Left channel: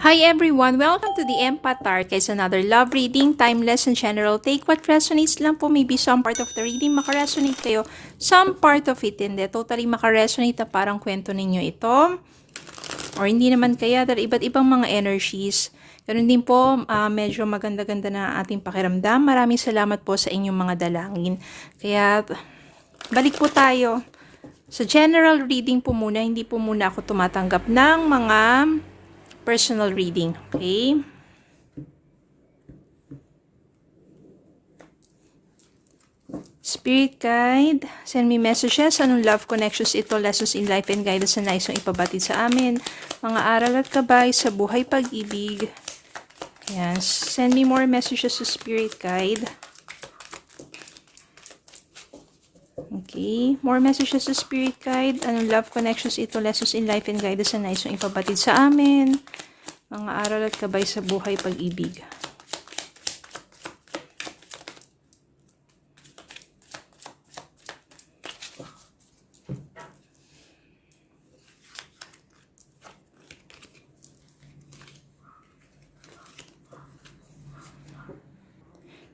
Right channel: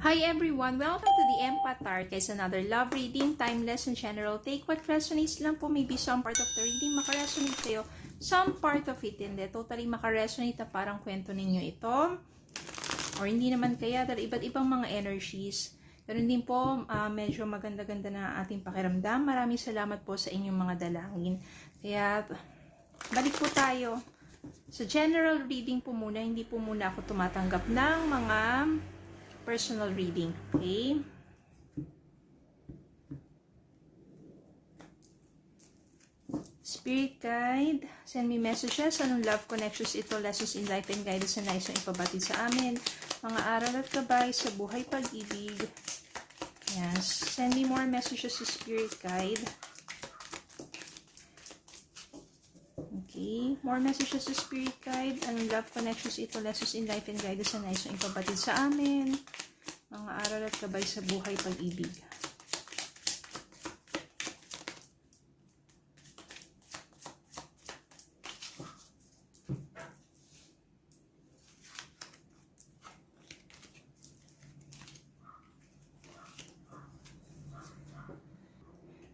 Hi everyone! Welcome to the Empath Tarot. Another love reading, timeless and general. Take what resonates lang po. Maybe some part of the reading makaresonate kayo. Some part of it hindi. Totally makaresonate na parang kwento ninyo ito. Or hindi naman kaya dahil iba't ibang mga energies. Ganun din po, medyo maganda-ganda na ating pakiramdam. Maraming salamat po sa inyong mga dalangin. Kaya balik po tayo. Sa general reading po muna, hindi po muna ako tumatanggap ng mga personal reading. Okay? Spirit guide, send me messages. Anong love connections ito, lessons in life and guidance na nais mong ipabatid sa amin. Mga aral at gabay sa buhay pag-ibig. Yes. Send me more messages to Spirit guide. Okay. More messages to Spirit guide. Anong love connections ito, lessons in life and guidance na nais mong ipabatid sa amin. Mga aral at gabay sa buhay pag-ibig.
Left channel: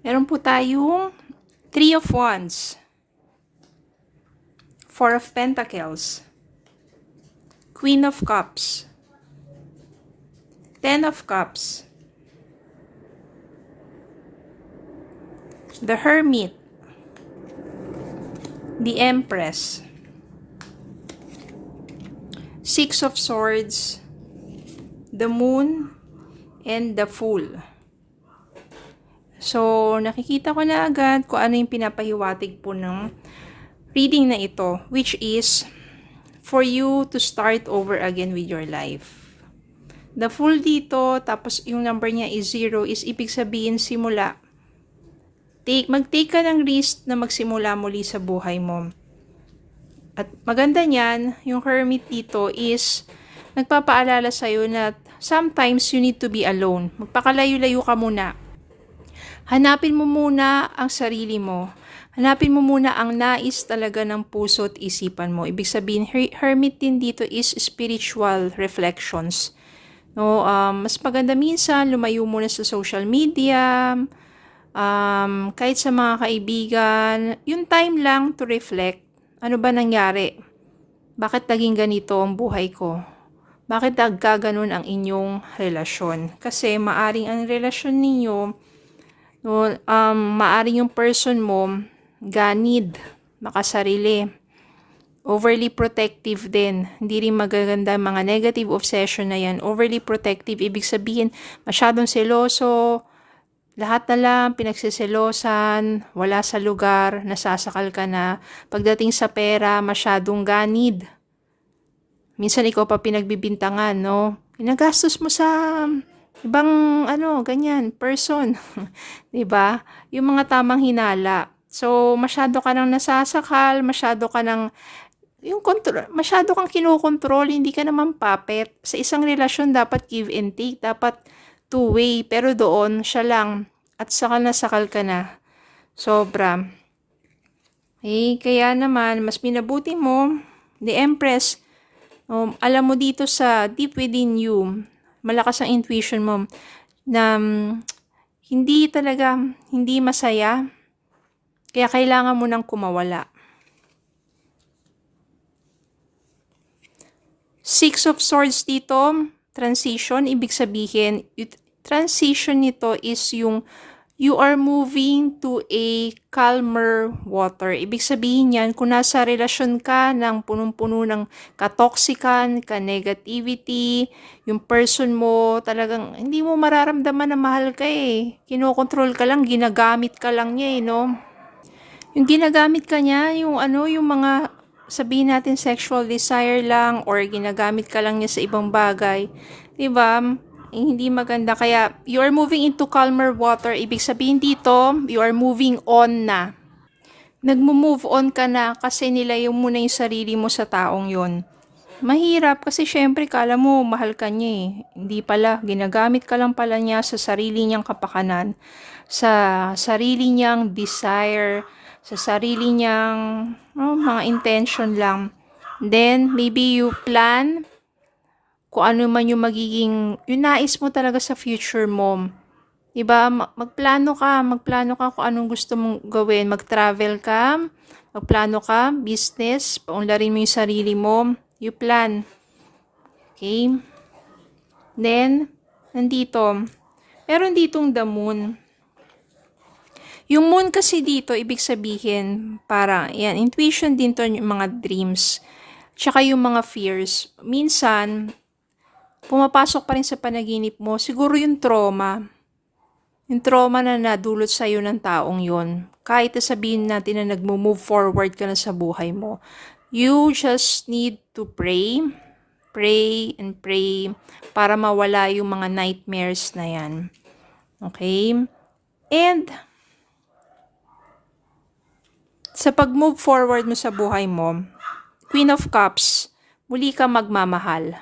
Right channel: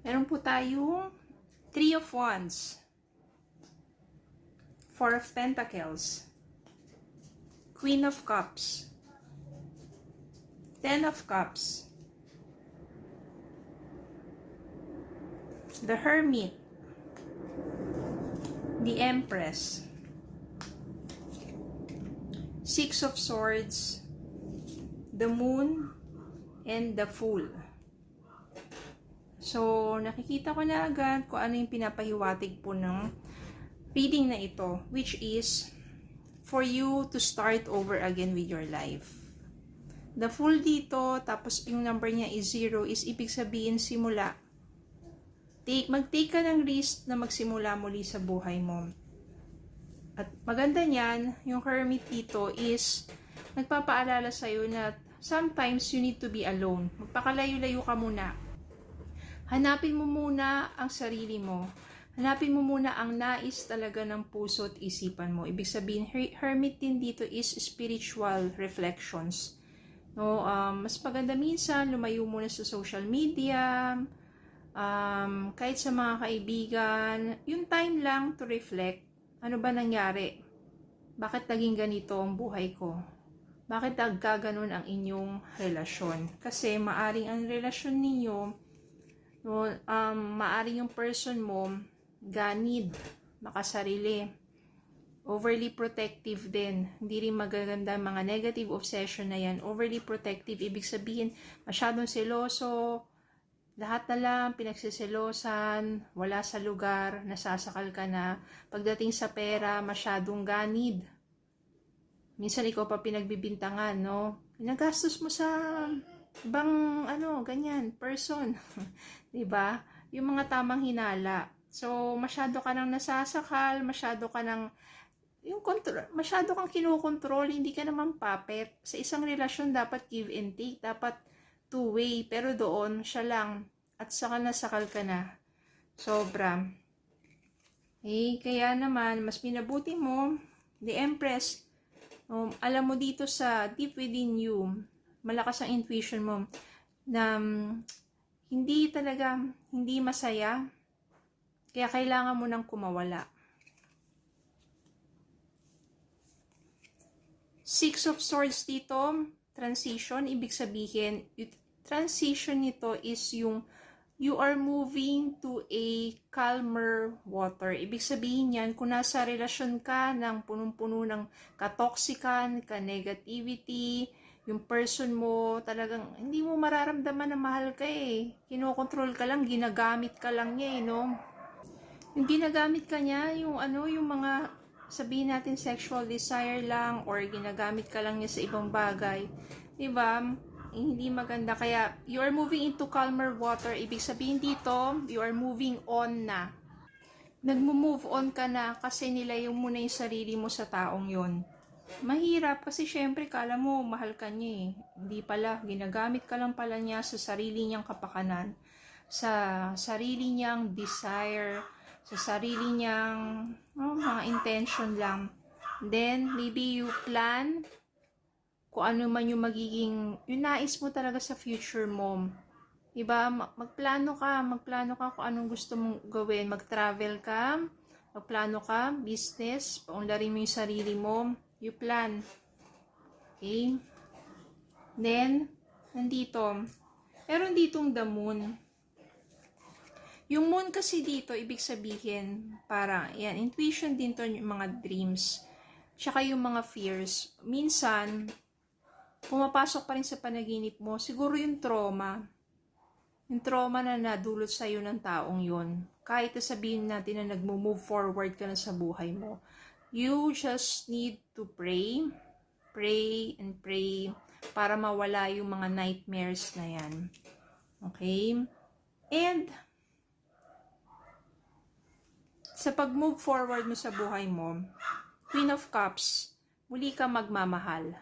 Meron po tayong Three of Wands, Four of Pentacles, Queen of Cups, Ten of Cups, the Hermit, the Empress, Six of Swords, the Moon, and the Fool. So, nakikita ko na agad kung ano yung pinapahiwatig po ng reading na ito, which is for you to start over again with your life. The Fool dito, tapos yung number niya is 0, is ibig sabihin simula. Mag-take ka ng risk na magsimula muli sa buhay mo. At maganda niyan, yung Hermit dito is nagpapaalala sa'yo na sometimes you need to be alone. Magpakalayo-layo ka muna. Hanapin mo muna ang sarili mo. Hanapin mo muna ang nais talaga ng puso at isipan mo. Ibig sabihin, Hermit din dito is spiritual reflections. No, mas maganda minsan, lumayo muna sa social media, kahit sa mga kaibigan, yung time lang to reflect. Ano ba nangyari? Bakit naging ganito ang buhay ko? Bakit nagkaganon ang inyong relasyon? Kasi maaring ang relasyon ninyo, no, maaring yung person mo ganid, makasarili, overly protective din. Hindi rin magaganda mga negative obsession na yan. Overly protective, ibig sabihin masyadong seloso, lahat na lang pinagsiselosan, wala sa lugar, nasasakal ka na. Pagdating sa pera, masyadong ganid. Minsan ikaw pa pinagbibintangan, no? Pinagastos mo sa ibang ganyan, person. 'Di ba? Yung mga tamang hinala. So, masyado ka nang nasasakal, masyado kang kinokontrol, hindi ka naman puppet. Sa isang relasyon dapat give and take, dapat two-way, pero doon siya lang at nasakal ka na. Sobra. Kaya naman mas minabuti mo, the Empress, alam mo dito sa deep within you, malakas ang intuition mo na hindi masaya. Kaya kailangan mo nang kumawala. Six of Swords dito, transition, ibig sabihin, transition nito is yung you are moving to a calmer water. Ibig sabihin yan, kung nasa relasyon ka ng punong-puno ng katoksikan, ka-negativity, yung person mo talagang hindi mo mararamdaman na mahal ka eh. Kinokontrol ka lang, ginagamit ka lang niya eh, no? Yung ginagamit ka niya, yung mga sabihin natin sexual desire lang or ginagamit ka lang niya sa ibang bagay. 'Di ba? Hindi maganda. Kaya you are moving into calmer water. Ibig sabihin dito, you are moving on na. Nagmo-move on ka na kasi nilayo mo na yung sarili mo sa taong yon. Mahirap kasi syempre kala mo mahal ka niya eh. Hindi pala, ginagamit ka lang pala niya sa sarili niyang kapakanan, sa sarili niyang desire, sa sarili niyang mga intention lang. Then maybe you plan kung ano man yung magiging, yung nais mo talaga sa future mo. Diba? Magplano ka kung anong gusto mong gawin. Mag-travel ka, magplano ka, business, paunlarin mo yung sarili mo, you plan. Okay? Then, nandito, meron ditong the moon. Yung moon kasi dito, ibig sabihin, parang, yan, intuition din to yung mga dreams, tsaka yung mga fears. Minsan, pumapasok pa rin sa panaginip mo, siguro yung trauma. Yung trauma na nadulot sa'yo ng taong yon. Kahit sabihin natin na nag-move forward ka na sa buhay mo, you just need to pray and pray para mawala yung mga nightmares na yan. Okay? And, sa pag-move forward mo sa buhay mo, Queen of Cups, muli ka magmamahal.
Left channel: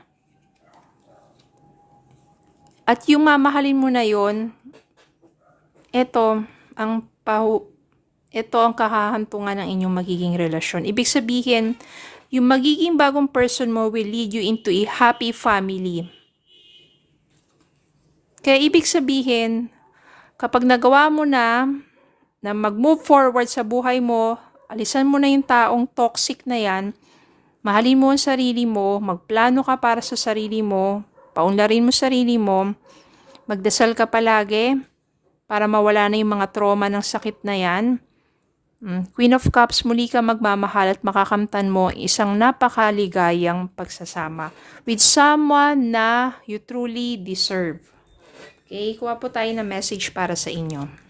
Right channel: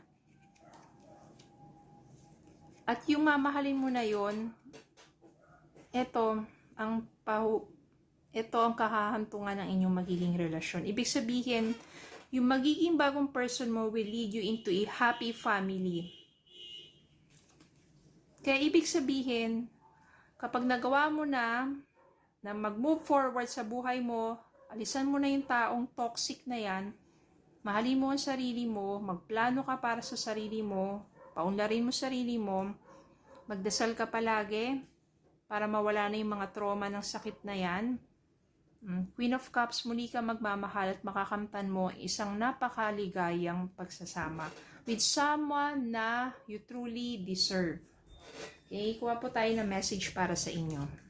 At yung mamahalin mo na yon, ito ang kahahantungan ng inyong magiging relasyon. Ibig sabihin, yung magiging bagong person mo will lead you into a happy family. Kaya ibig sabihin, kapag nagawa mo na mag-move forward sa buhay mo, alisan mo na yung taong toxic na yan, mahalin mo ang sarili mo, magplano ka para sa sarili mo, paunlarin mo sarili mo, magdasal ka palagi, para mawala na yung mga trauma ng sakit na yan. Queen of Cups, muli ka magmamahal at makakamtan mo isang napakaligayang pagsasama with someone na you truly deserve. Okay, kuha po tayo ng message para sa inyo.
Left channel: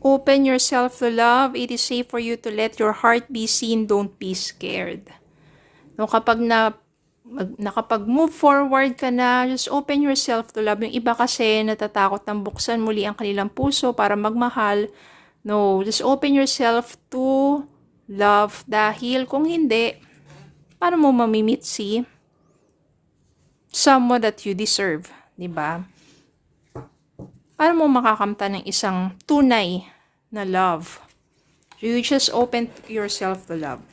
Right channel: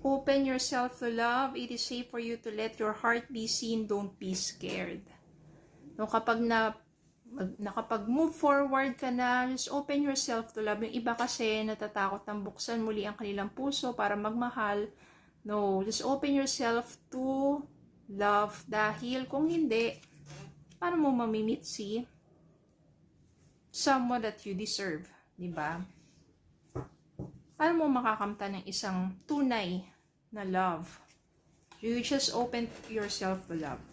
Open yourself to love. It is safe for you to let your heart be seen. Don't be scared. No, kapag nakapag-move forward ka na, just open yourself to love. Yung iba kasi natatakot ng buksan muli ang kanilang puso para magmahal. No, just open yourself to love. Dahil kung hindi, paano mo mamimit si someone that you deserve? Diba? Paano mo makakamtan ng isang tunay na love? You just open yourself to love.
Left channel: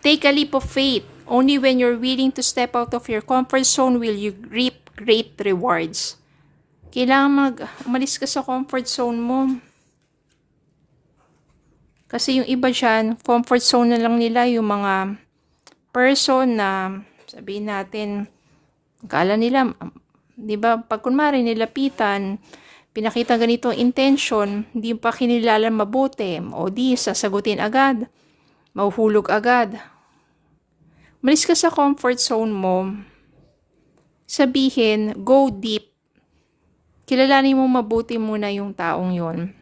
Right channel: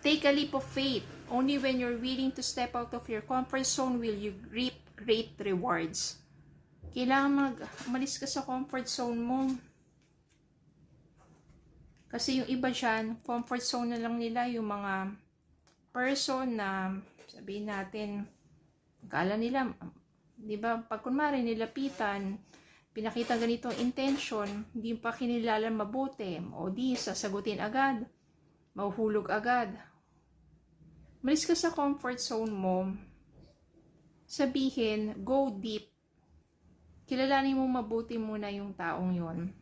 Take a leap of faith. Only when you're willing to step out of your comfort zone will you reap great rewards. Kailangan umalis ka sa comfort zone mo. Kasi yung iba dyan, comfort zone na lang nila yung mga person na sabihin natin, akala nila, di ba, pag kunwari nilapitan, pinakita ganito intention, hindi pa kinilala mabuti, o di, sasagutin agad, mahuhulog agad. Malis ka sa comfort zone mo, sabihin, go deep. Kilalanin mo mabuti muna yung taong yon.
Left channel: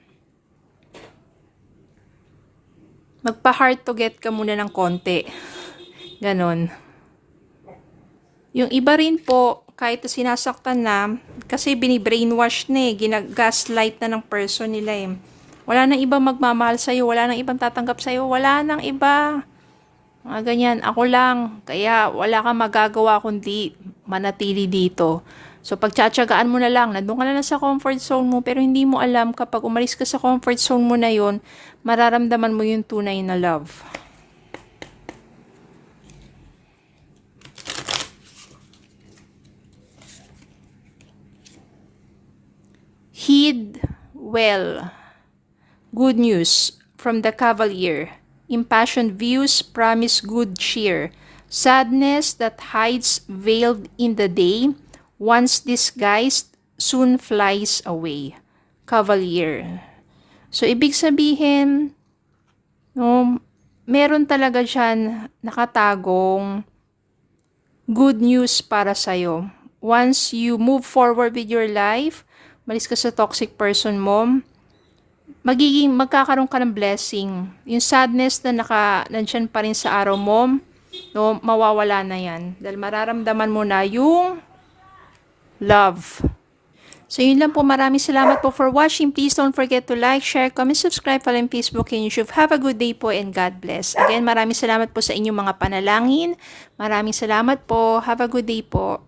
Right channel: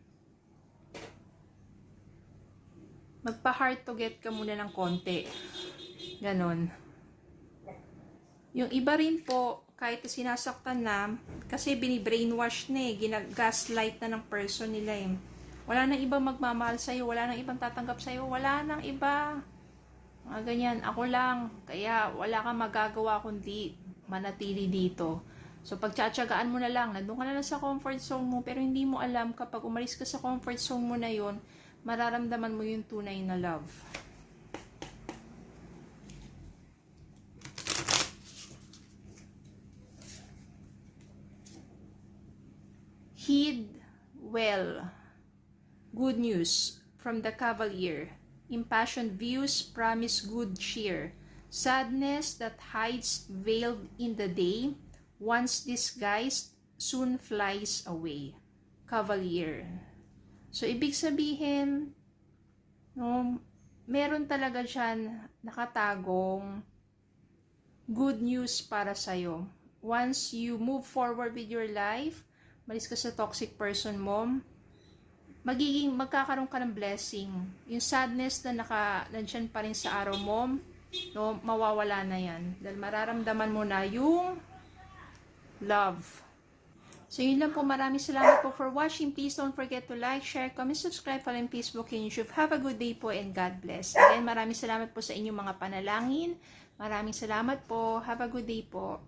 Magpa-hard to get ka muna ng konti. Ganon. Yung iba rin po, kahit sinasaktan na, kasi bini-brainwash na ginagaslight na ng person nila Wala nang iba magmamahal sa'yo, wala nang ibang tatanggap sa'yo, wala nang iba. Mga ganyan, ako lang. Kaya wala kang magagawa kundi manatili dito. So pagtsatsagaan mo na lang, nandun ka na sa comfort zone mo, pero hindi mo alam kapag umalis ka sa comfort zone mo na yon, mararamdaman mo yung tunay na love. Heed well. Good news from the Cavalier. Impassioned views promise good cheer. Sadness that hides veiled in the day, once disguised, soon flies away. Cavalier. So, ibig sabihin, no, meron talaga dyan nakatagong good news para sa'yo. Once you move forward with your life, malis ka sa toxic person mo, magkakaroon ka ng blessing. Yung sadness na nandyan pa rin sa araw mo, no, mawawala na yan. Dahil mararamdaman mo na yung love. So, yun lang po. Maraming salamat po for watching. Please don't forget to like, share, comment, subscribe, follow in Facebook and YouTube. Have a good day po and God bless. Again, maraming salamat po sa inyong mga panalangin. Maraming salamat po. Have a good day po.